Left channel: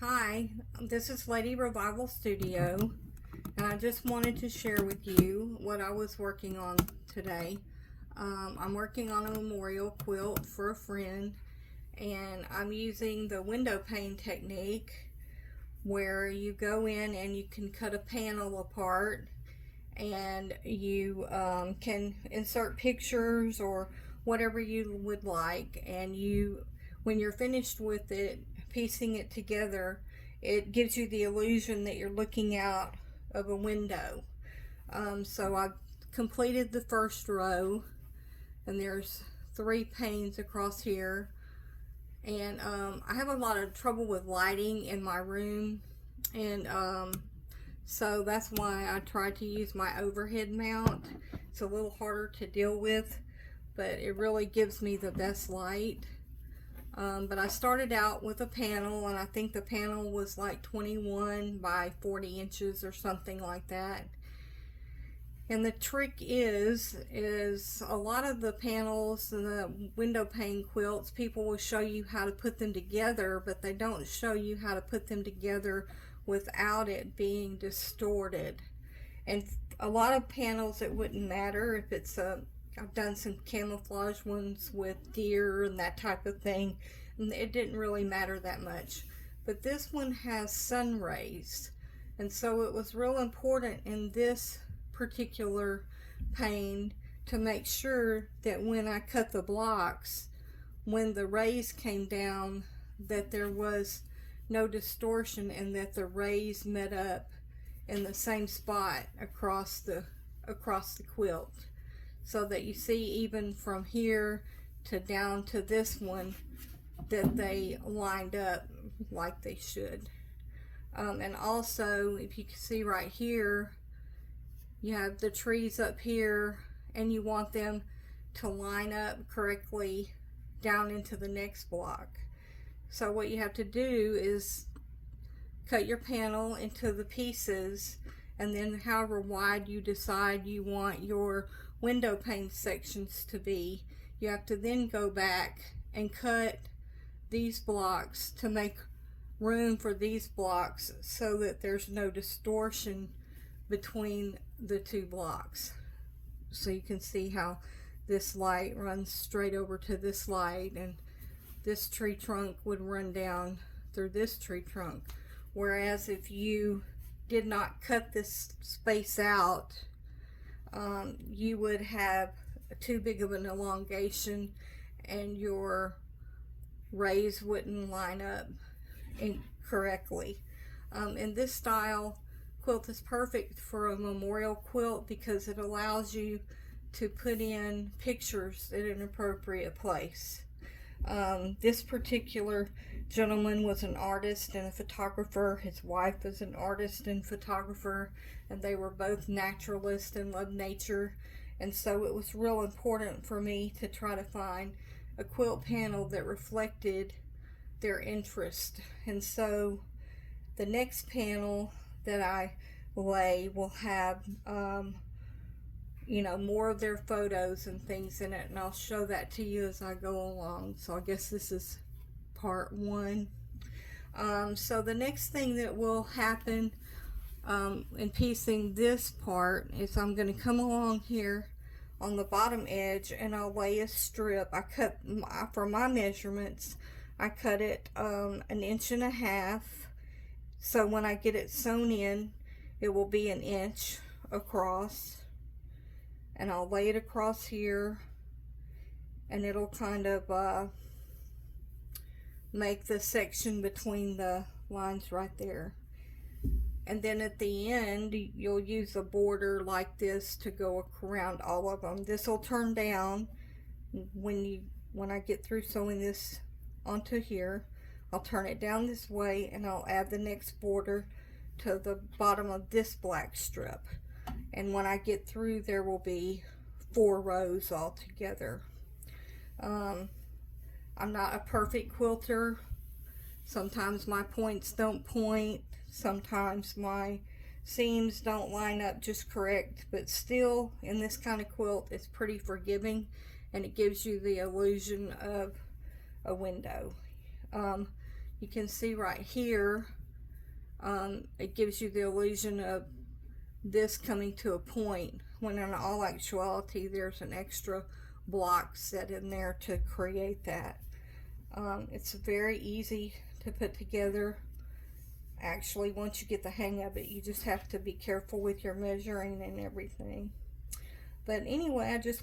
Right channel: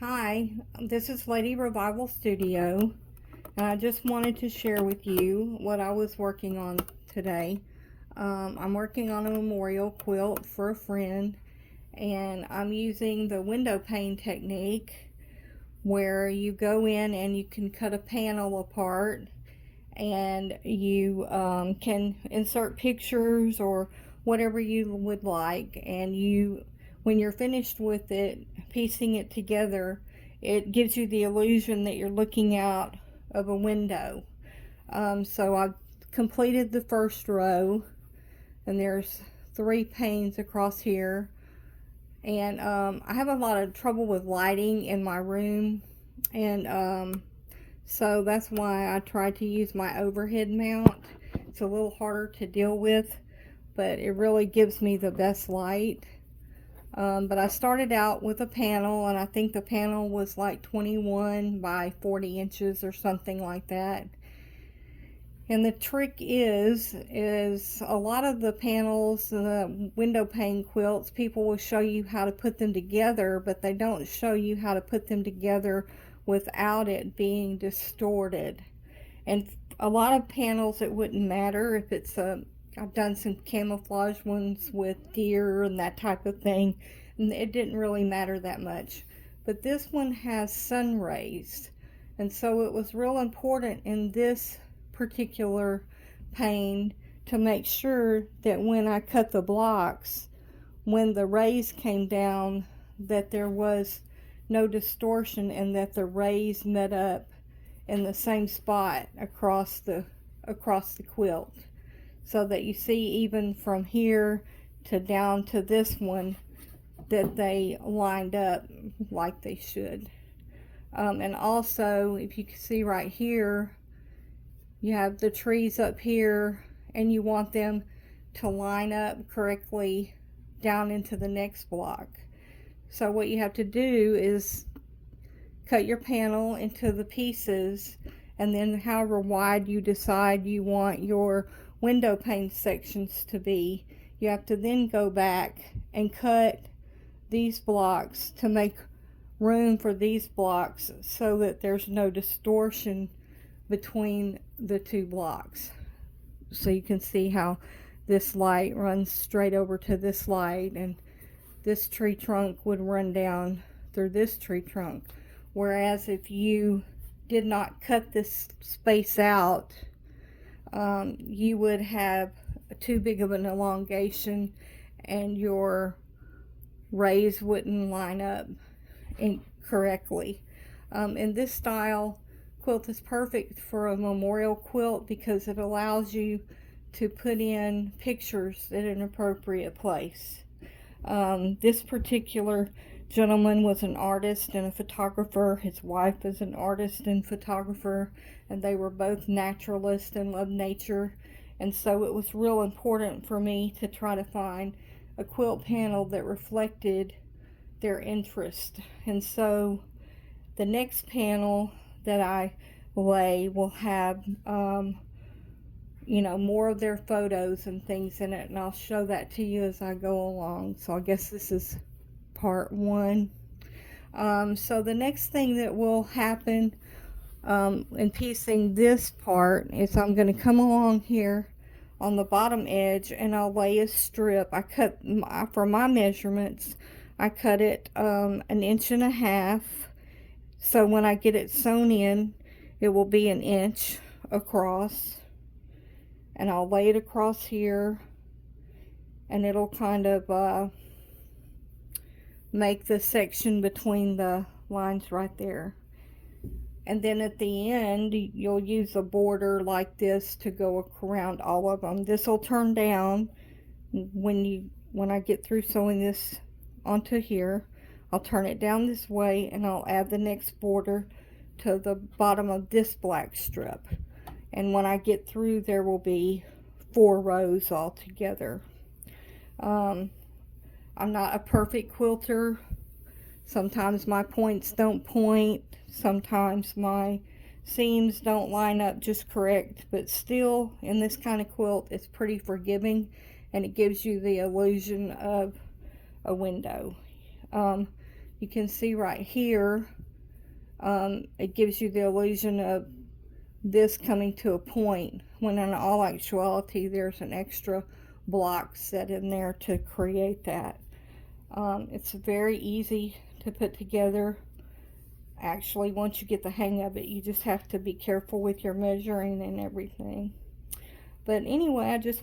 Hi, this is Lady Revival Studio, and I just wanted to share with you what I was working on today. I'm working on a memorial quilt for a friend, and I'm using the window pane technique where you go in and you can cut a panel apart and you can insert pictures or whatever you would like, and when you're finished with it, piecing it together, it gives you the illusion that you're looking out of a window. So I've completed the first row, and there's 3 panes across here, and I have a lot of trouble with lighting in my room, and so that's why I tried to use my overhead mount. It's a little harder to deal with, but it really gives me the best light. But I started out with a panel, and I think the panel was like 21 by 40 inches or something like that. And the trick is a lot of the panels, the window pane quilts, people will show you how to put them together, but they don't show you how to put them together without it being distorted. And a lot of panels, it wouldn't matter if it's I've done some camouflage ones with deer and that type of thing, and it didn't really matter that much. But this one has sun rays, and so it was real important in this particular pane to make sure that when I cut the blocks, when the rays came down, that there was no distortion and that the rays met up in the same spot across the quilt, so that you see even from here to down to this one that they lined up like they should. And also, if you can see right here, you have the trees up here, and you want them to line up correctly down into the next block. So what you have to do is cut your panel into the pieces, and then however wide you decide you want your window pane sections to be, you have to then go back and cut these blocks to make room for these blocks so that there's no distortion between the 2 blocks. So you can see how this light runs straight over to this light, and this tree trunk would run down through this tree trunk. Whereas if you did not cut this space out, you would have too big of an elongation, and your rays wouldn't line up correctly. And this style quilt is perfect for a memorial quilt because it allows you to put in pictures at an appropriate place. This particular gentleman was an artist and a photographer. His wife is an artist and photographer, and they were both naturalists and loved nature. And so it was real important for me to try to find a quilt panel that reflected their interest. And so the next panel that I lay will have more of their photos and things in it, and I'll show that to you as I go along. So I guess this is part 1. So the next thing that will happen in piecing this part is I'm going to come along here on the bottom edge, and I'll lay a strip. I cut, for my measurements, I cut it 1.5 inches, so when I get it sewn in, it will be 1 inch across, and I'll lay it across here, and it'll kind of make the section between the lines right there. And then at the end, you'll use a border like this to go around all of them. This will turn down when I get through sewing this onto here. I'll turn it down this way, and I'll add the next border to the bottom of this black strip. And when I get through, there will be 4 rows all together. I'm not a perfect quilter. Sometimes my points don't point. Sometimes my seams don't line up just correct. But still, in this kind of quilt, it's pretty forgiving, and it gives you the illusion of a window. you can see right here, it gives you the illusion of this coming to a point, when in all actuality there's an extra block set in there to create that. It's very easy to put together. Actually, once you get the hang of it, you just have to be careful with your measuring and everything. But anyway, I just